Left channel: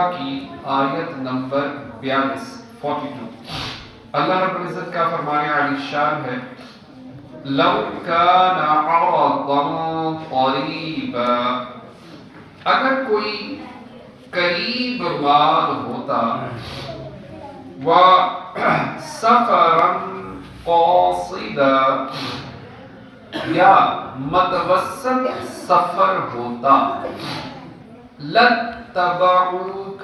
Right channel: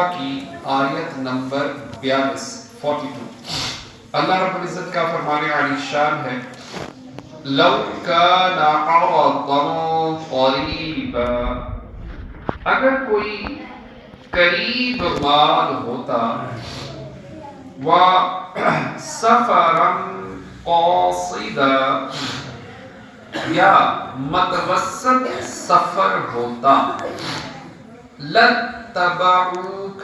توبہ کی آیت نمبر 42 اللہ رب العزت کا فرمان عالی شان ہے لو کان عرضا قریبا، اگر کوئی قریب مال ہوتا، و سفرا قاصدا، یا متوسط سفر ہوتا، لَاتَّبَعُوكَ،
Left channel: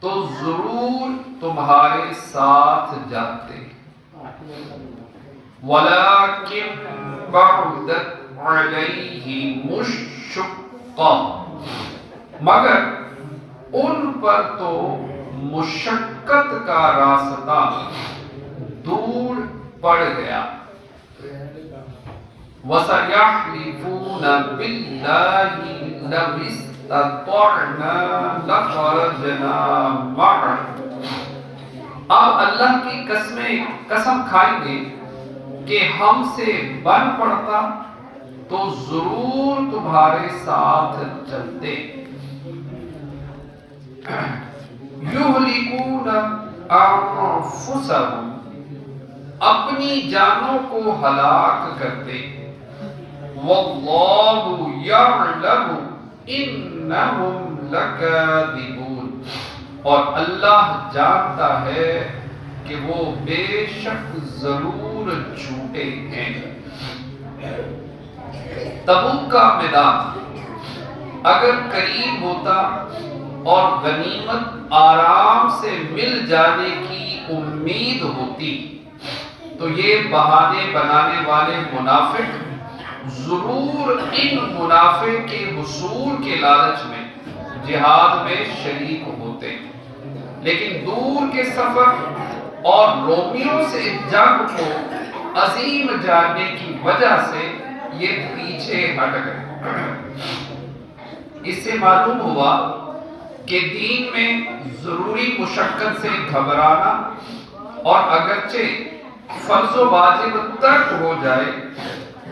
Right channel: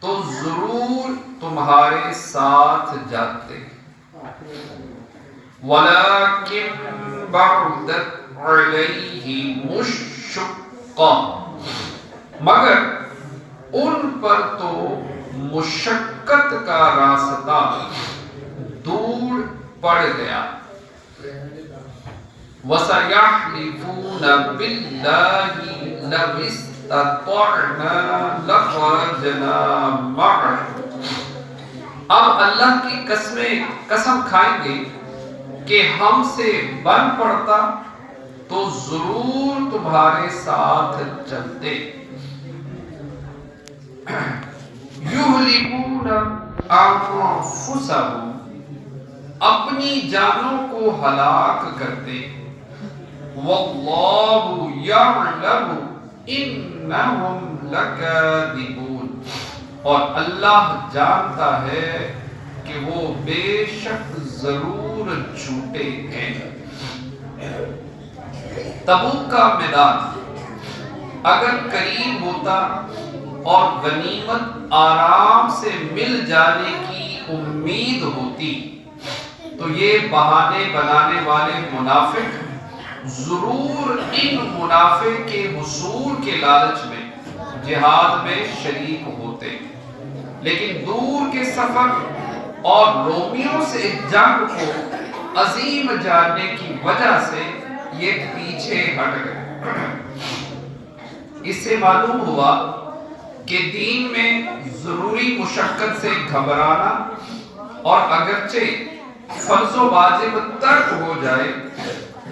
تو ضرور تمہارے ساتھ جاتے، وَلَكِنْ بَعُدَتْ عَلَيْهِمُ الشُّقَّةُ، مگر ان پر تو مشقت کا راستہ دور پڑ گیا، وَسَيَحْلِفُونَ بِاللَّهِ لَوِ اسْتَطَعْنَا لَخَرَجْنَا مَعَكُمْ، اب اللہ کی قسم کھائیں گے کہ ہم سے بن پڑتا تو ضرور تمہارے ساتھ چلتے، یُہْلِكُونَ أَنفُسَهُمْ، اپنی جانوں کو ہلاک کرتے، وَاللَّهُ يَعْلَمُ إِنَّهُمْ لَكَاذِبُونَ، اور اللہ جانتا ہے کہ وہ بے شک ضرور جھوٹے ہیں۔ تبوک کا میدان اگر قریب ہوتا اور غنیمت آرام سے مل جانے کی امید ہوتی تو یہ بہانے بنانے والے منافق ضرور ان منافع کے حصول کے لالچ میں جہاد میں شریک ہوتے، لیکن دور کے سفر اور رومیوں سے جنگ کو عظیم جاننے کی وجہ سے یہ پیچھے ہٹ گئے۔ اس سے معلوم ہوا کہ دین میں ضروری مشقت سے گھبرانا اور اگرچہ فرض و واجب ترک ہو جائے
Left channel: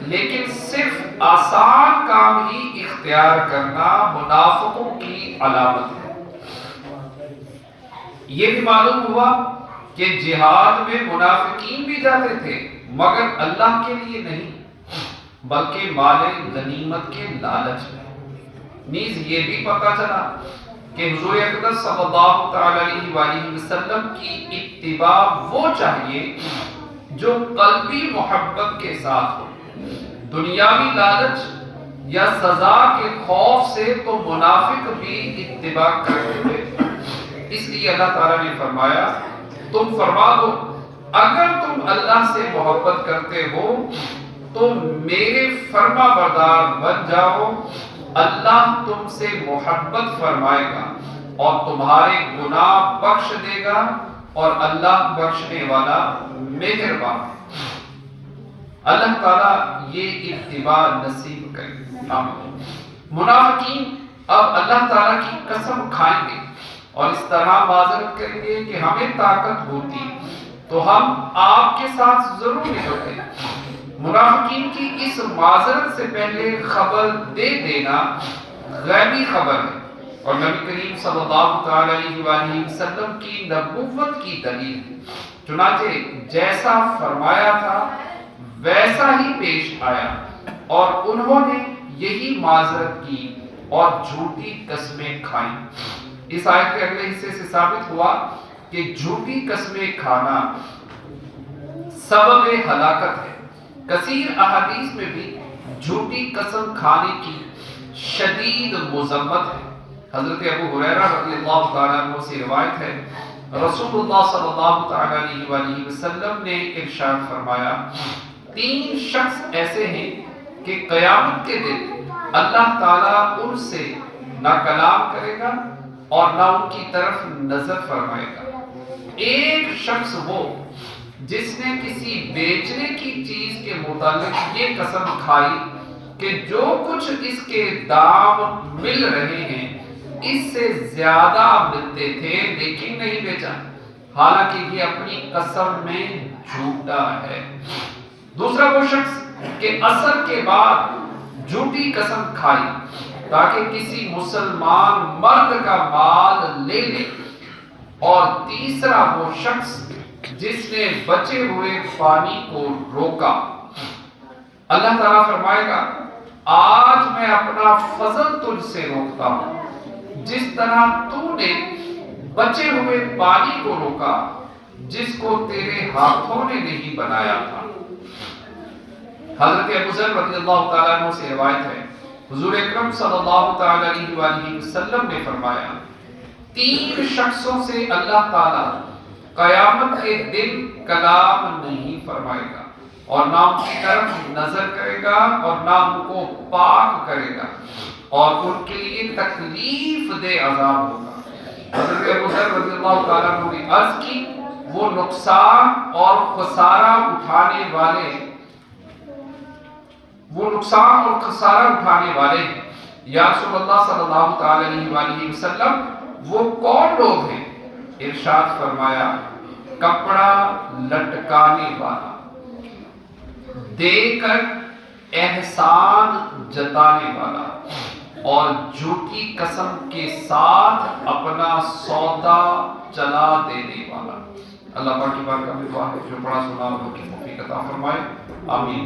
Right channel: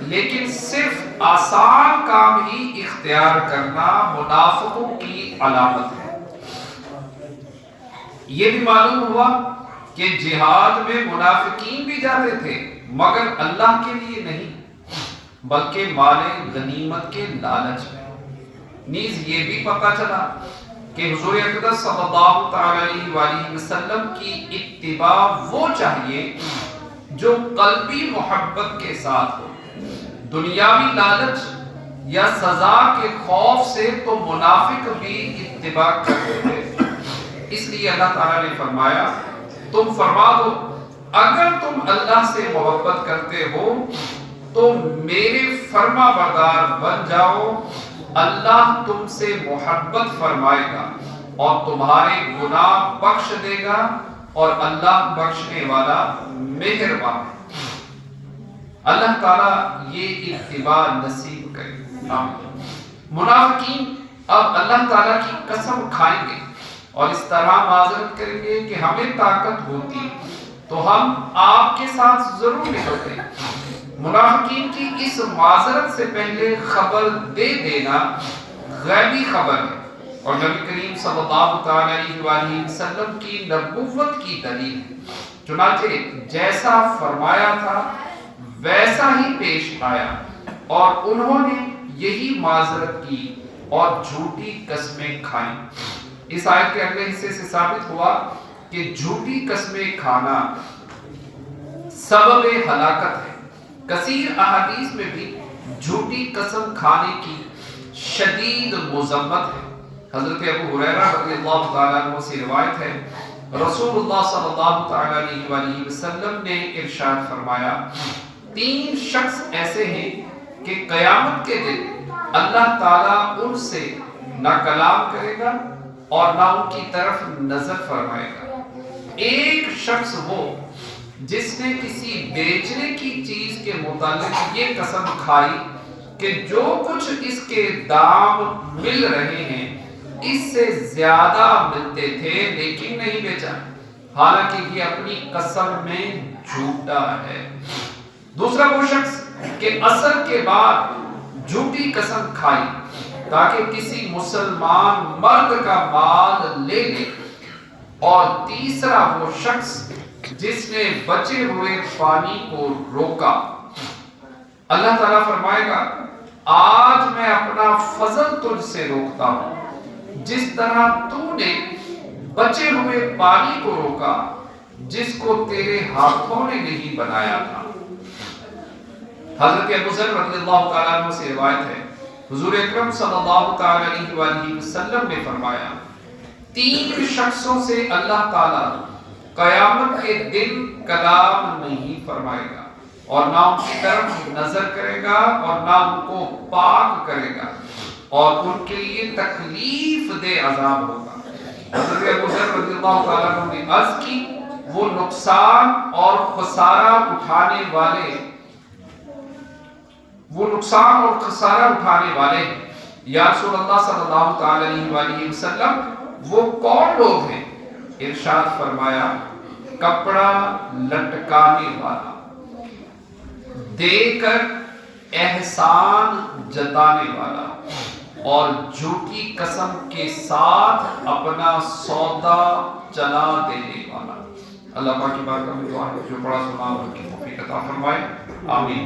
لیکن صرف آسان کام ہی اختیار کرنا منافقوں کی علامت ہے۔ یہ بھی معلوم ہوا کہ جہاد میں منافقین بھی جاتے تھے مگر اللہ کے لیے نہیں بلکہ مال غنیمت کے لالچ میں۔ نیز یہ بھی پتہ چلا کہ حضور اقدس صلی اللہ تعالی علیہ وآلہ وسلم کی اتباع وہ چاہیے جو قلبی محبت کے ساتھ ہو، دنیاوی لالچ یا سزا کے خوف سے تو منافق بھی اتباع کرتے تھے۔ اس لیے اللہ تعالیٰ نے فرمایا تم فرما دو اگر تم اللہ سے محبت کرتے ہو تو میرے فرما بردار بن جاؤ، اللہ تم سے محبت فرمائے گا اور تمہارے گناہ بخش دے گا اور اللہ بخشنے والا مہربان ہے۔ اللہ تعالیٰ یہ اتباع نصیب کرے، آمین۔ منافقین اب اللہ تعالیٰ کی قسم کھائیں گے اور اس طرح معذرت کریں گے کہ ہمیں طاقت ہوتی تو ہم آپ کے ساتھ ضرور نکلتے۔ منافقین کی اس معذرت سے پہلے خبر دے دینا غیبی خبر ہے اور نبی کریم صلی اللہ تعالی علیہ وآلہ وسلم کی نبوت کی دلیل ہے۔ چنانچہ جیسا فرمایا تھا ویسا ہی پیش آیا اور انہوں نے یہی معذرت کی اور جھوٹی قسمیں کھائیں۔ اس آیت کے اگلے حصے سے ثابت ہوا کہ جھوٹی قسمیں کھانا سبب ہلاکت ہے۔ کثیر احادیث میں بھی جھوٹی قسم کھانے کی شدید مذمت ہے۔ حضرت ابو ہریرہ رضی اللہ تعالیٰ عنہ سے روایت ہے رسول اللہ صلی اللہ تعالیٰ علیہ وآلہ وسلم نے ارشاد فرمایا 3 شخص ایسے ہیں کہ قیامت کے دن اللہ تعالیٰ ان سے نہ کلام کرے گا اور نہ ان کی طرف نظر فرمائے گا۔ ایک شخص وہ جس نے کسی بیچنے کی چیز کے متعلق یہ قسم کھائی کہ جو کچھ اس کے دام مل رہے ہیں اس سے زیادہ ملتے تھے لیکن نہیں بیچا، حالانکہ یہ اپنی قسم میں جھوٹا ہے۔ دوسرا وہ شخص کہ عصر کے بعد جھوٹی قسم کھائی تاکہ کسی مسلمان مرد کا مال لے لے، اور تیسرا وہ شخص جس نے بچے ہوئے پانی کو روکا۔ اللہ تعالیٰ فرمائے گا آج میں اپنا فضل تجھ سے روکتا ہوں، جس طرح تو نے بچے ہوئے پانی کو روکا جس کو تیرے ہاتھوں نے نہیں بنایا تھا۔ حضرت ابو ذر رضی اللہ تعالیٰ عنہ سے روایت ہے، حضور اکرم صلی اللہ تعالیٰ علیہ وآلہ وسلم نے فرمایا 3 شخصوں سے اللہ تعالیٰ قیامت کے دن کلام نہیں فرمائے گا، اور نہ ان کی طرف نظر کرے گا اور نہ ان کو پاک کرے گا، اور ان کے لیے تکلیف دہ عذاب ہوگا۔ حضرت ابو ذر رضی اللہ تعالیٰ عنہ نے عرض کی وہ نقصان اور خسارہ اٹھانے والے ہیں۔ یا رسول اللہ صلی اللہ تعالیٰ علیہ وآلہ وسلم وہ کون لوگ ہیں؟ ارشاد فرمایا کپڑا لٹکانے والا، دے کر احسان جتانے والا، اور جھوٹی قسم کے ساتھ اپنا سودا چلا دینے والا۔ اللہ پاک کی بارگاہ میں دعا ہے جو پڑھا سنا ان کی توفیق عطا فرمائے، آمین۔